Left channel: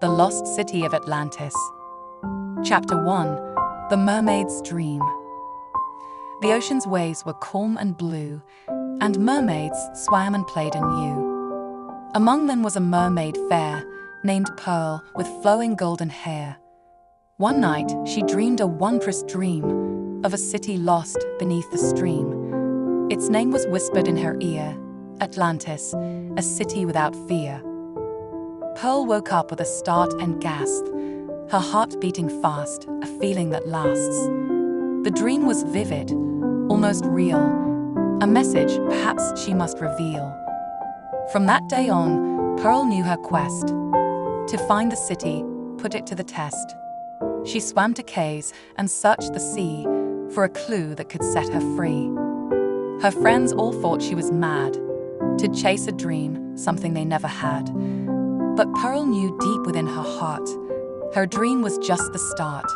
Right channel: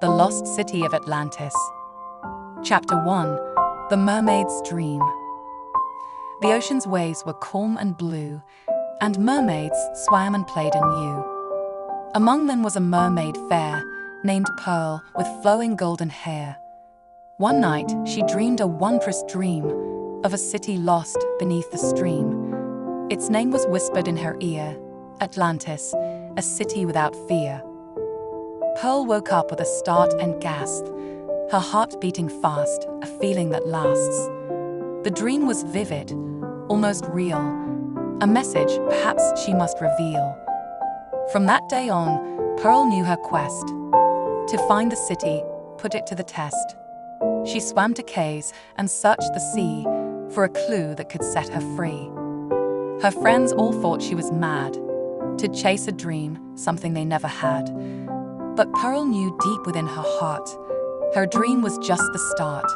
The Lost City of Atlantis. Chapter 1. The Mermaid's Dream. The ocean's waves were calm and blue, and mermaids swam and played anew. Among them was a mermaid fair, named Pearl, with flowing golden hair. One night she dreamed a wondrous dream of a city lost beneath the stream. Its name was whispered in her ear, Atlantis, a city without fear. Pearl woke up with a start and gasped, her heart beating fast, a feeling that lasts. The dream was vivid, almost real, a message perhaps she must reveal. From that day on, Pearl knew her quest. To find the city, put it to the test. She swam to caves and searched the sea for a clue that could set her free. Her friends all thought she was mad to chase a dream, something they never had. But Pearl knew deep within her heart, her dream was just the start.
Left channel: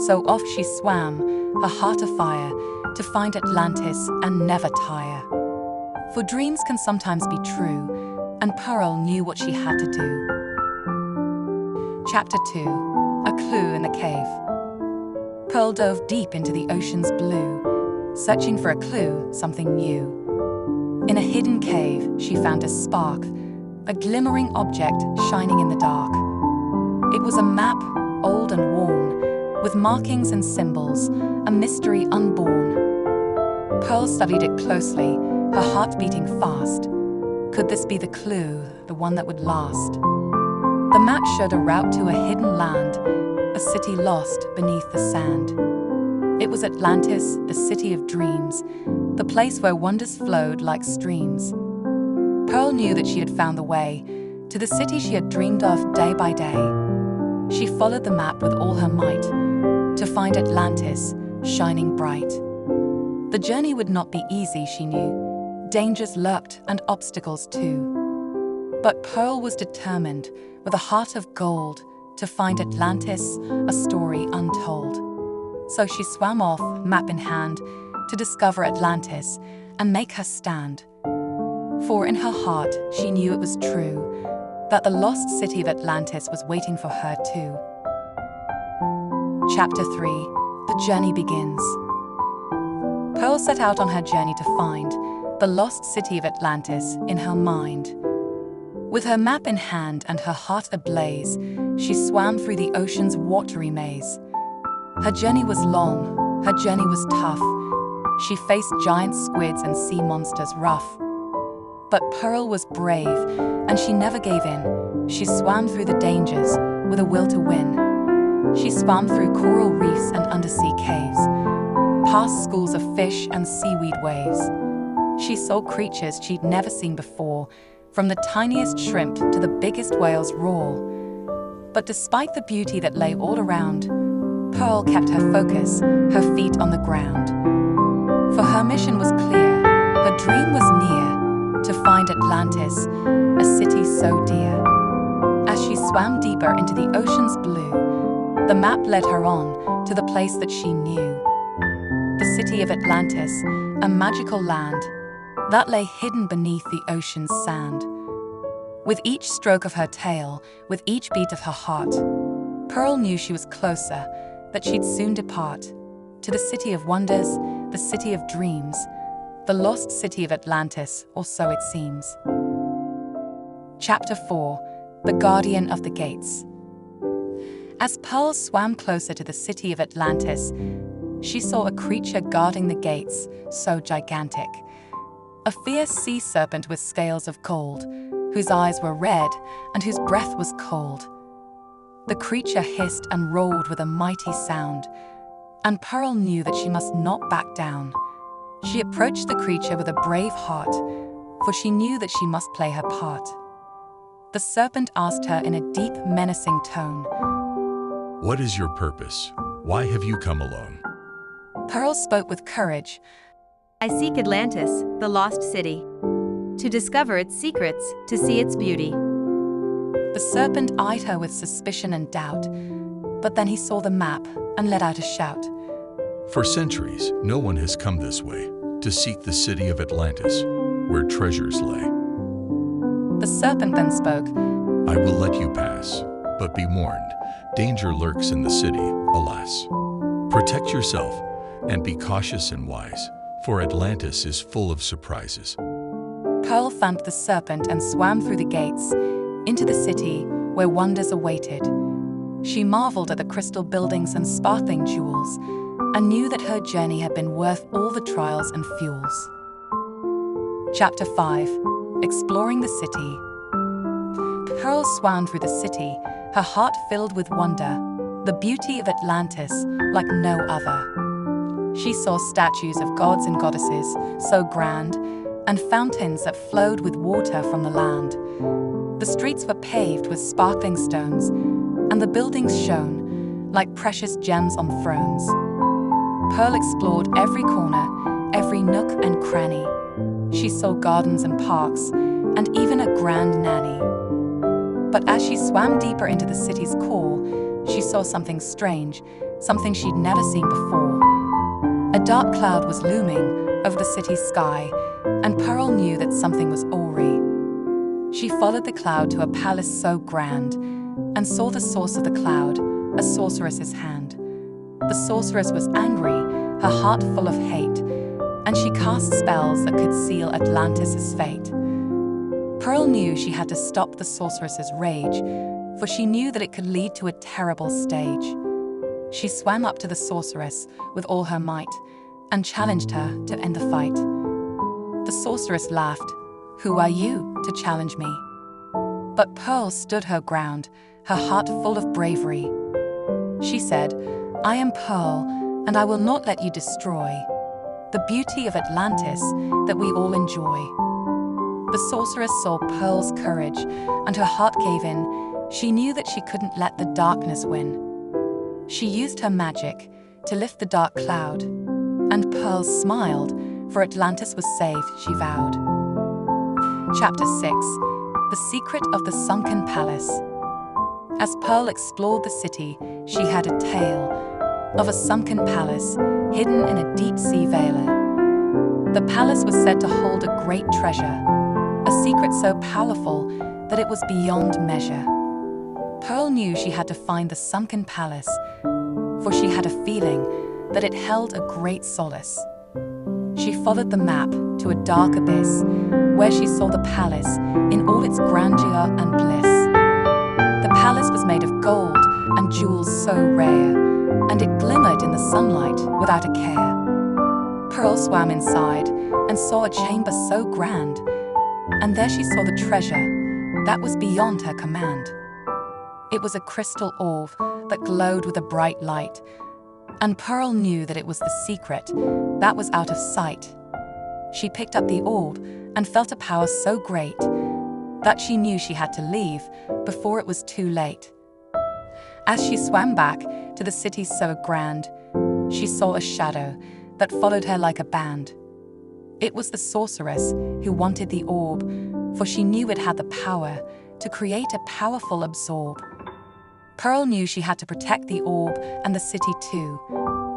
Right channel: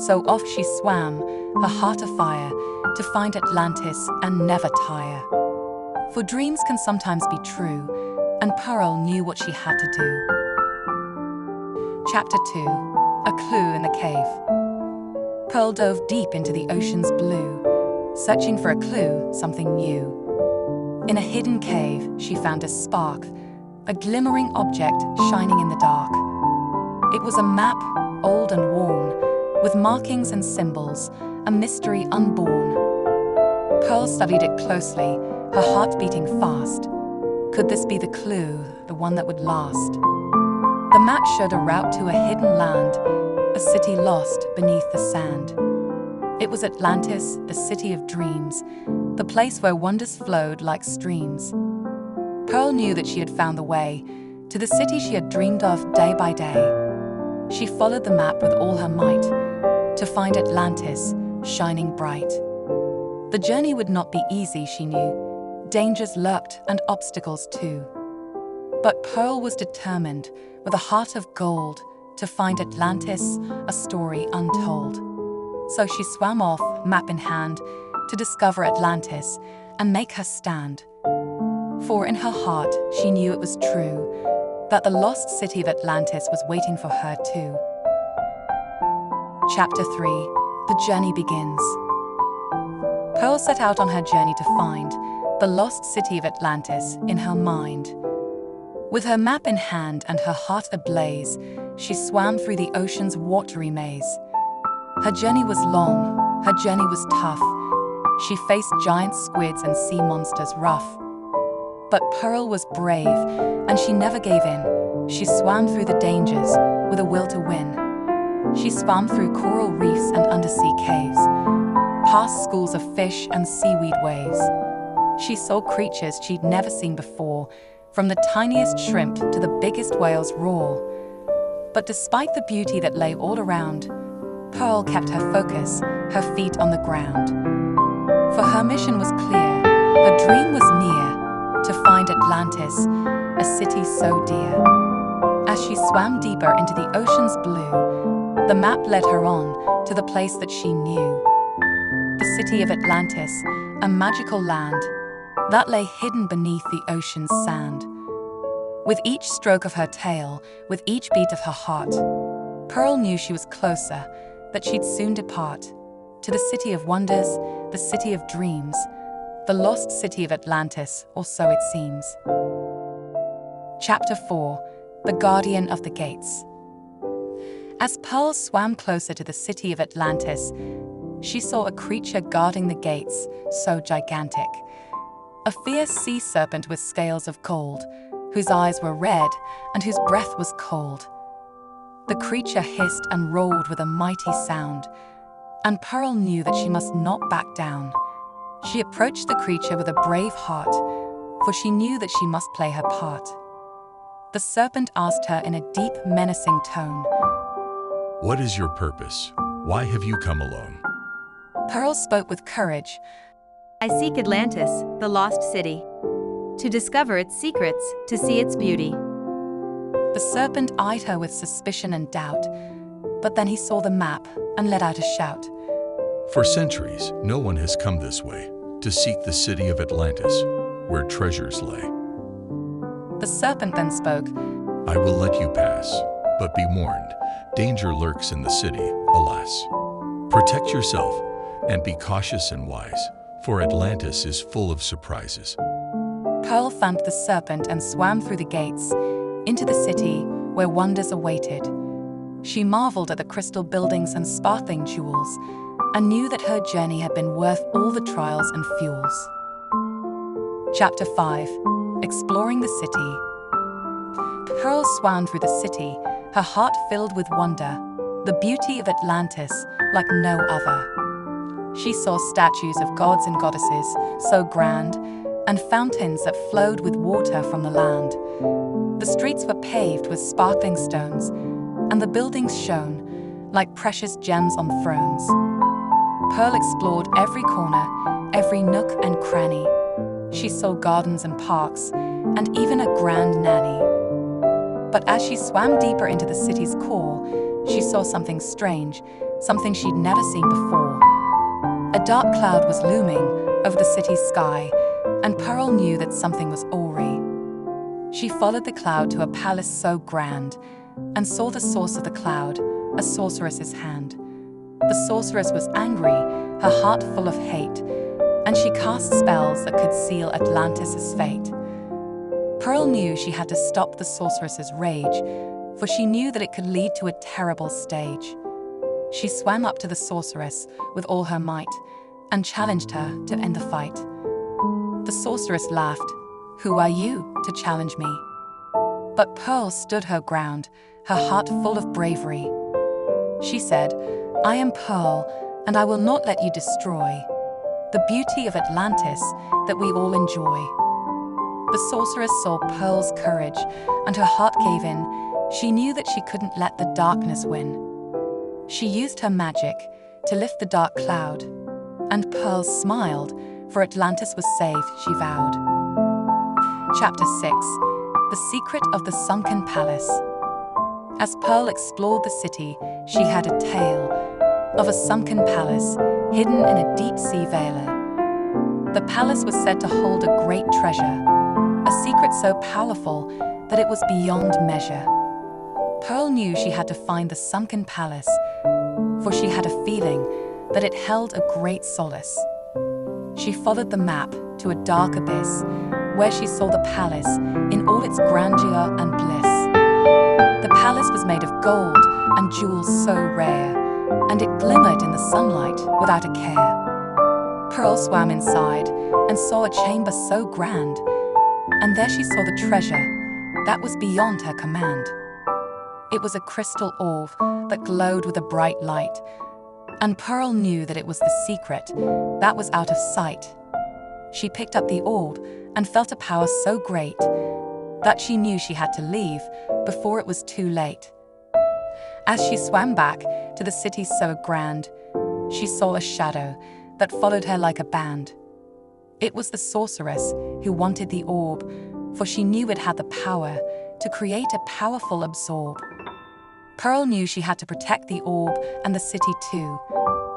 So off she swam, her heart afire, to find Atlantis and never tire. For dreams can sometimes be true, and Pearl knew what she had to do. Chapter 2. A Clue in the Cave. Pearl dove deep into the ocean's blue, searching for a clue, something new. In a hidden cave, she found a spark, a glimmering object shining in the dark. It was a map, old and worn, with markings and symbols, a mystery unborn. Pearl studied it closely, her heart beating fast. Could this be the clue, the one that would last? The map showed a route to a hidden land, a city lost beneath the sand. It was Atlantis, the city of dreams, the place where wonders flowed like streams. Pearl knew that she had found the way to the city she had dreamed of day by day. She followed the map with all her might to find Atlantis shining bright. The journey would not be easy, she knew. Dangers lurked and obstacles too. But Pearl was determined, with a heart of gold, to find Atlantis, a story untold. So she swam off, map in hand, to discover Atlantis and make her stand. For in her heart, she knew it was true, that the lost city of Atlantis was waiting for her too. Chapter 3. The Journey Begins. Pearl set out on her journey to find the lost city of Atlantis in her mind. With her map in hand and her heart ablaze, she swam through the ocean's watery maze. Her journey was long, her journey was tough. She faced giant squids and sea monsters rough. But Pearl was brave, and she never gave in. She swam through the dangers with a will to win. She swam through coral reefs and undersea caves, past schools of fish and seaweed waves. She saw creatures she'd never seen before, from the tiniest shrimp to the biggest whale's roar. But despite the beauty that lay all around, Pearl kept her focus, her feet on the ground. For her mission was clear, her dream was near, to find Atlantis, a city so dear. As she swam deeper into the ocean's blue, the map led her on to the place that she knew. The city of Atlantis, a magical land that lay hidden beneath the ocean's sand. With each stroke of her tail, with each beat of her heart, Pearl knew she was closer, that she'd soon depart to the city of wonders, the city of dreams, the lost city of Atlantis, or so it seems. Chapter 4. The Guardian of the Gates. As Pearl swam closer to the city of Atlantis, she saw a creature guarding the gates, so gigantic. A fierce sea serpent with scales of gold, whose eyes were red and whose breath was cold. The creature hissed and roared with a mighty sound, and Pearl knew that she must not back down. She approached the creature with a brave heart, for she knew that she must play her part. The serpent asked her in a deep, menacing tone, "What is your purpose? Why have you come alone?" Pearl spoke with courage. "I seek Atlantis, the lost city, to discover its secrets, to see its beauty." The serpent eyed her with suspicion and doubt, but then he saw the map and let out a shout. "For centuries, no one has come this way. to seek the city of Atlantis, where treasures lay. The serpent then spoke. I will let you pass, but be warned, danger lurks in the city, alas. Protect yourself and be cautious and wise, for Atlantis is full of surprises. Pearl thanked the serpent and swam through the gates into the city where wonders awaited. She marveled at the crystal buildings and sparkling jewels, and knew that her journey had been worth all the trials and fuels. Chapter 5. Exploring the city. Pearl swam through the city, her heart filled with wonder, the beauty of Atlantis like no other. She saw statues of gods and goddesses so grand, and fountains that flowed with water from the land. The streets were paved with sparkling stones, and the buildings shone like precious gems on thrones. Pearl explored every corner, every nook and cranny. She saw gardens and parks, and even a grand nanny. But as she swam deeper into the city's core, she saw something strange, something she'd never seen before. A dark cloud was looming over the city's sky, and Pearl knew that something was awry. She followed the cloud to a palace so grand, and saw the source of the cloud, a sorceress's hand. The sorceress was angry, her heart full of hate, and she cast spells that could seal Atlantis' fate. Pearl knew she had to stop the sorceress's rage, for she knew that it could lead to a terrible stage. She swam up to the sorceress with all her might, and challenged her to end the fight. The sorceress laughed. "Who are you to challenge me?" But Pearl stood her ground, her heart full of bravery. She said, "I am Pearl, and I will not let you destroy the beauty of Atlantis that we all enjoy." The sorceress saw Pearl's courage, and her heart gave in. She knew that she couldn't let the darkness win. She used her magic to lift the dark cloud, and Pearl smiled, for Atlantis was saved, she vowed. Chapter 6. The Secret of the Sunken Palace. As Pearl explored the city, she had a tale of a sunken palace hidden in a deep-sea vale. The palace was said to hold a great treasure, a secret so powerful that it was beyond measure. Pearl knew she had to find the sunken palace, for she had a feeling that it held a great solace. She followed the map to a dark abyss, where she saw the palace in all its grandeur and bliss. The palace was made of gold and jewels so rare, and it glimmered in the sunlight without a care. Pearl swam inside and saw a chamber so grand, and there she saw the treasure that was beyond her command. It was a crystal orb that glowed with a bright light, and Pearl knew that it was the secret that was out of sight. She picked up the orb and felt a power so great that she knew she had to leave before it was too late. As she swam back to the city so grand, she saw a shadow that followed her like a band. It was the sorceress who wanted the orb, for she knew it had the power to create a powerful absorb. Pearl knew she had to protect the orb and the city too,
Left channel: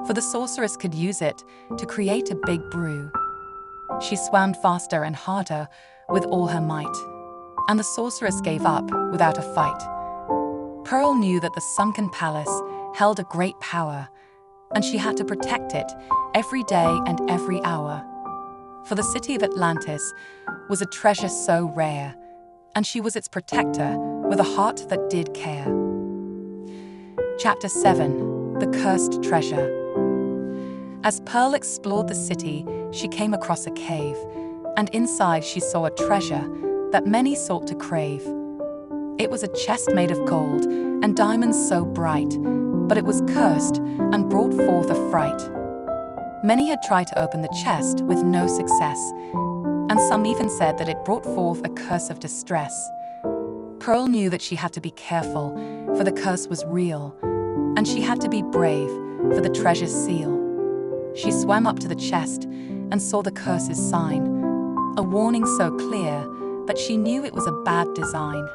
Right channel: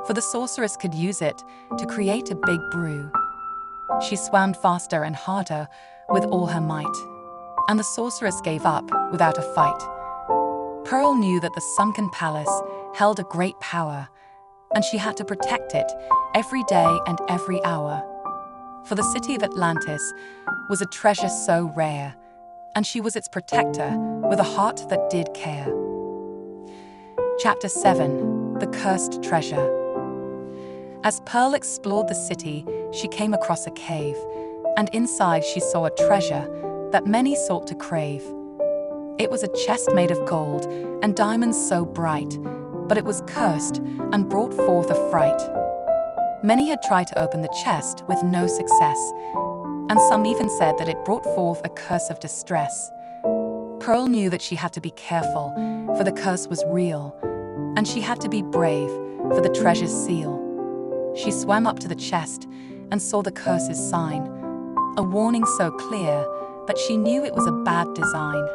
for the sorceress could use it to create a big brew. She swam faster and harder with all her might, and the sorceress gave up without a fight. Pearl knew that the sunken palace held a great power, and she had to protect it every day and every hour. For the city of Atlantis was a treasure so rare, and she was its protector with a heart that did care. Chapter 7. The Cursed Treasure. As Pearl explored the city, she came across a cave, and inside she saw a treasure that many sought to crave. It was a chest made of gold and diamonds so bright, but it was cursed and brought forth a fright. Many had tried to open the chest with no success, and some even said that it brought forth a curse of distress. Pearl knew that she had to be careful, for the curse was real, and she had to be brave for the treasure's seal. She swam up to the chest and saw the curse's sign, a warning so clear that she knew it was a bad design.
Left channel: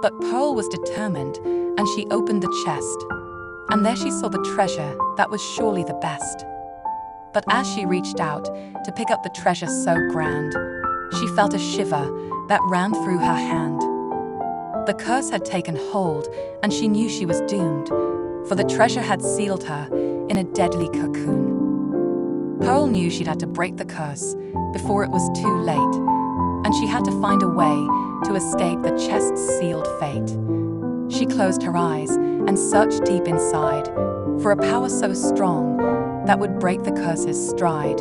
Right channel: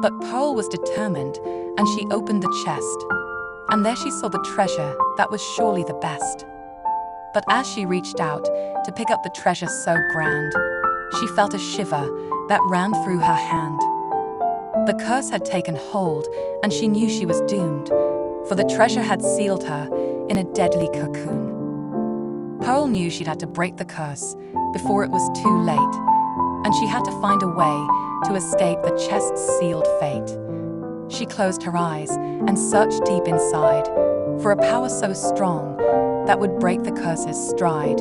But Pearl was determined, and she opened the chest, and there she saw the treasure that was surely the best. But as she reached out to pick up the treasure so grand, she felt a shiver that ran through her hand. The curse had taken hold, and she knew she was doomed, for the treasure had sealed her in a deadly cocoon. Pearl knew she'd had to break the curse before it was too late, and she had to find a way to escape the chest's sealed fate. She closed her eyes and searched deep inside for a power so strong that would break the curse's stride.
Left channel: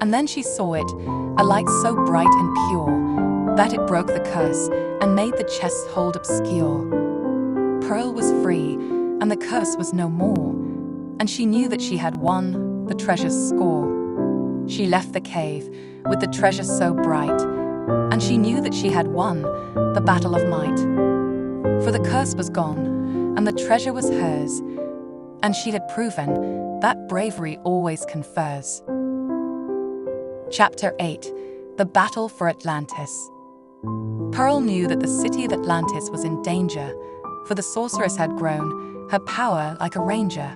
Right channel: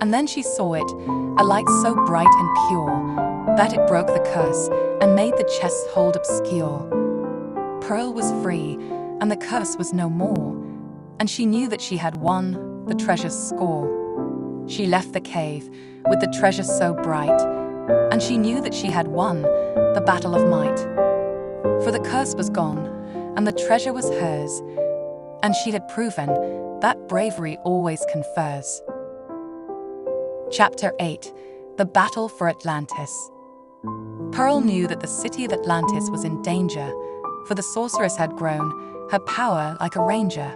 And then she saw it, a light so bright and pure that it broke the curse and made the chest's hold obscure. Pearl was free, and the curse was no more, and she knew that she had won the treasure's score. She left the cave with the treasure so bright, and she knew that she had won the battle of might. For the curse was gone, and the treasure was hers, and she had proven that bravery always confers. Chapter 8: The Battle for Atlantis. Pearl knew that the city of Atlantis was in danger, for the sorceress had grown her power like a ranger.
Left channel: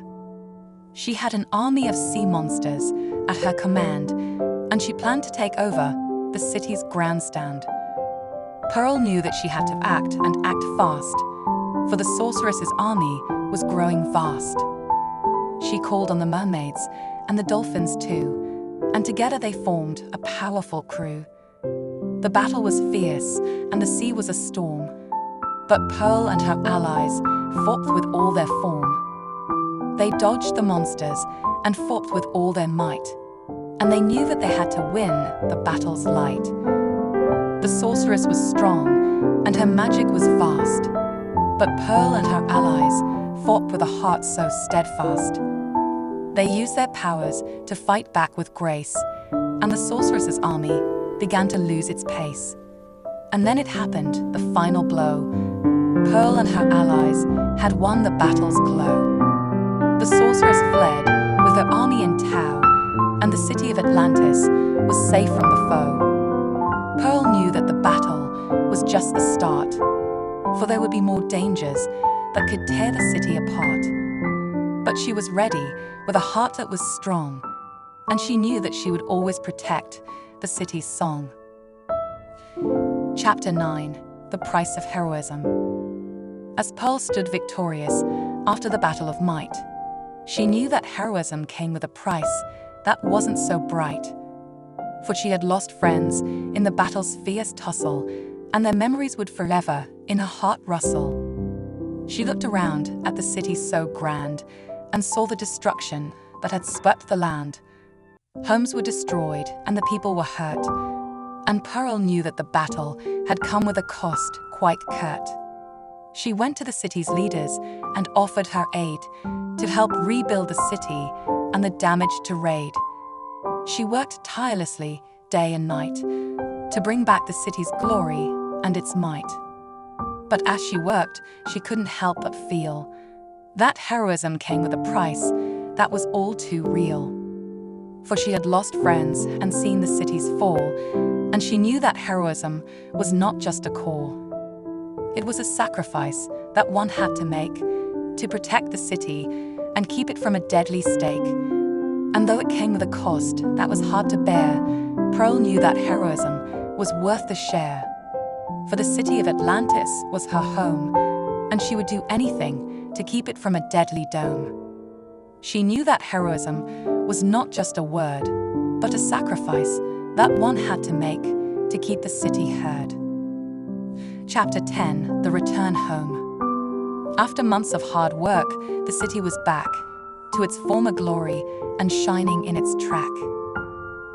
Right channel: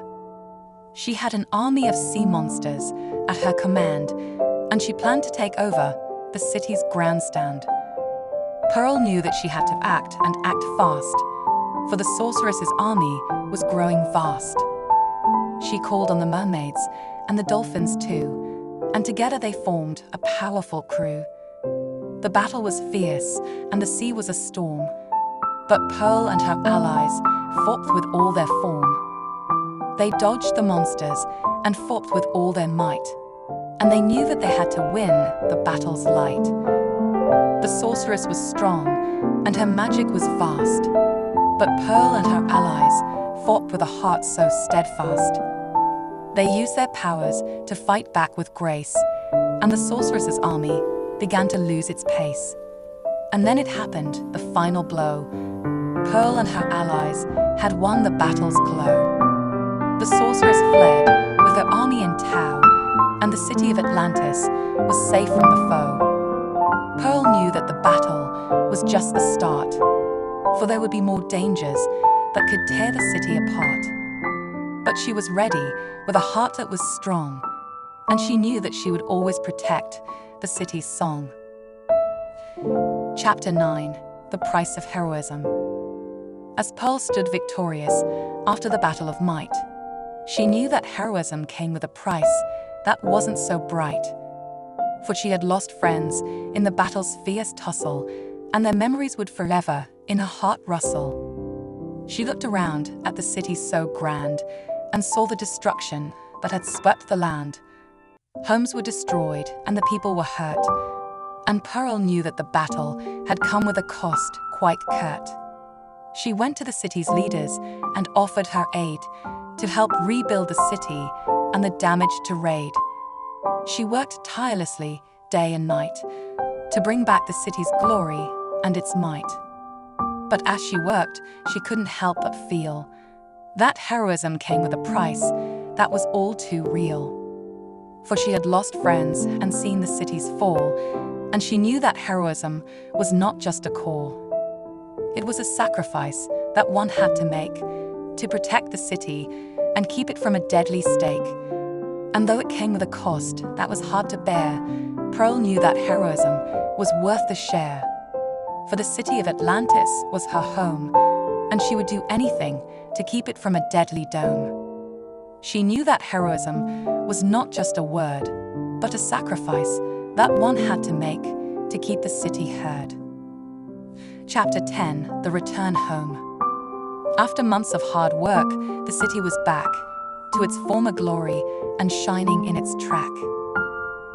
She had an army of sea monsters at her command, and she planned to take over the city's grandstand. Pearl knew that she had to act and act fast, for the sorceress's army was growing vast. She called on the mermaids and the dolphins too, and together they formed a powerful crew. The battle was fierce, and the sea was a storm, but Pearl and her allies fought with all their form. They dodged the monsters and fought with all their might, and they knew that they had to win the battle's light. The sorceress was strong, and her magic was vast, but Pearl and her allies fought with a heart so steadfast. They used their powers to fight back with grace, and the sorceress's army began to lose its pace. And then it happened, the final blow. Pearl and her allies had won the battle's glow. The sorceress fled with her army in tow, and the city of Atlantis was safe from the foe. Pearl knew that the battle was just the start, for there would be more dangers that could tear the city apart. But she was ready with a heart that was strong, and she knew that she would always protect the city's song. Chapter 9: The Price of Heroism. As Pearl stood victorious after the Battle of Might, she knew that heroism came with a price that wasn't so bright. For she had lost friends in the battle's fierce tussle, and their memories would forever in her heart rustle. She looked around at the city so grand, and saw the destruction that had swept the land. Homes were destroyed, and the people were hurt, and Pearl knew that the battle had come with a cost quite curt. She went to the city's leaders and offered her aid to help rebuild the city and the damage to raid. She worked tirelessly day and night to bring back the city's glory and its might. But as she worked, she couldn't help but feel that heroism came with a price that was all too real. For she had lost friends and seen the city's fall, and she knew that heroism was not just a call. It was a sacrifice that one had to make to protect the city and keep it from a deadly stake. And though it came with a cost that was hard to bear, Pearl knew that heroism was worth the share. For the city of Atlantis was her home, and she would do anything to keep it from a deadly dome. She knew that heroism was not just a word, but a sacrifice that one had to make to keep the city heard. Chapter 10: The Return Home. After months of hard work, the city was back to its former glory and shining in its track.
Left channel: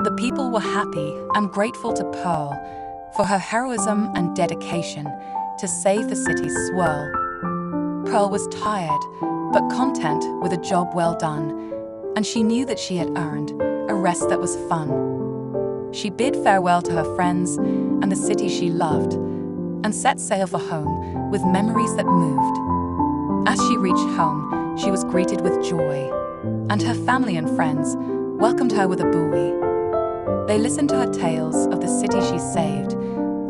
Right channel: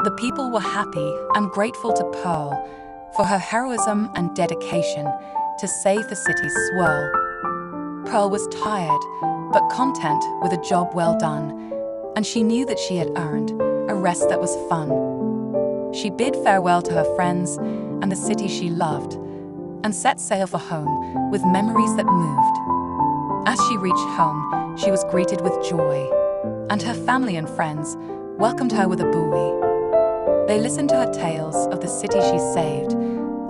The people were happy and grateful to Pearl for her heroism and dedication to save the city's swirl. Pearl was tired, but content with a job well done, and she knew that she had earned a rest that was fun. She bid farewell to her friends and the city she loved, and set sail for home with memories that moved. As she reached home, she was greeted with joy, and her family and friends welcomed her with a buoy. They listened to her tales of the city she saved,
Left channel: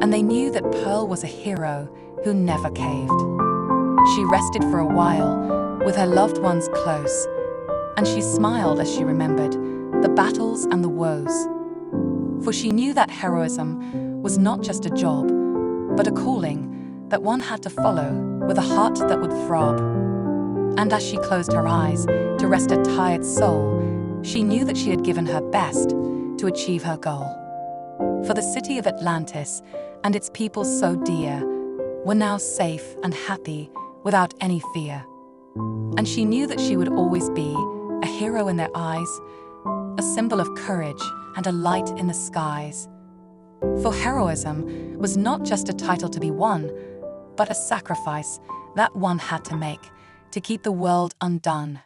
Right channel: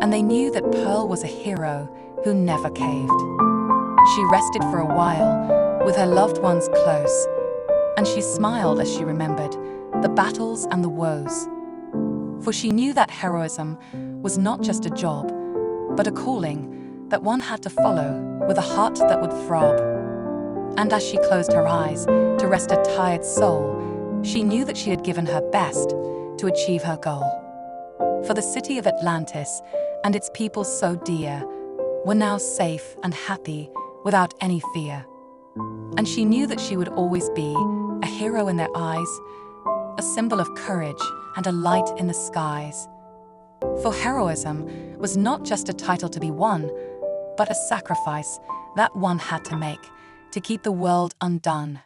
and they knew that Pearl was a hero who never caved. She rested for a while with her loved ones close, and she smiled as she remembered the battles and the woes. For she knew that heroism was not just a job, but a calling that one had to follow with a heart that would throb. And as she closed her eyes to rest a tired soul, she knew that she had given her best to achieve her goal. For the city of Atlantis and its people so dear were now safe and happy without any fear. And she knew that she would always be a hero in their eyes, a symbol of courage and a light in the skies. For heroism was not just a title to be won, but a sacrifice that one had to make to keep the world undone.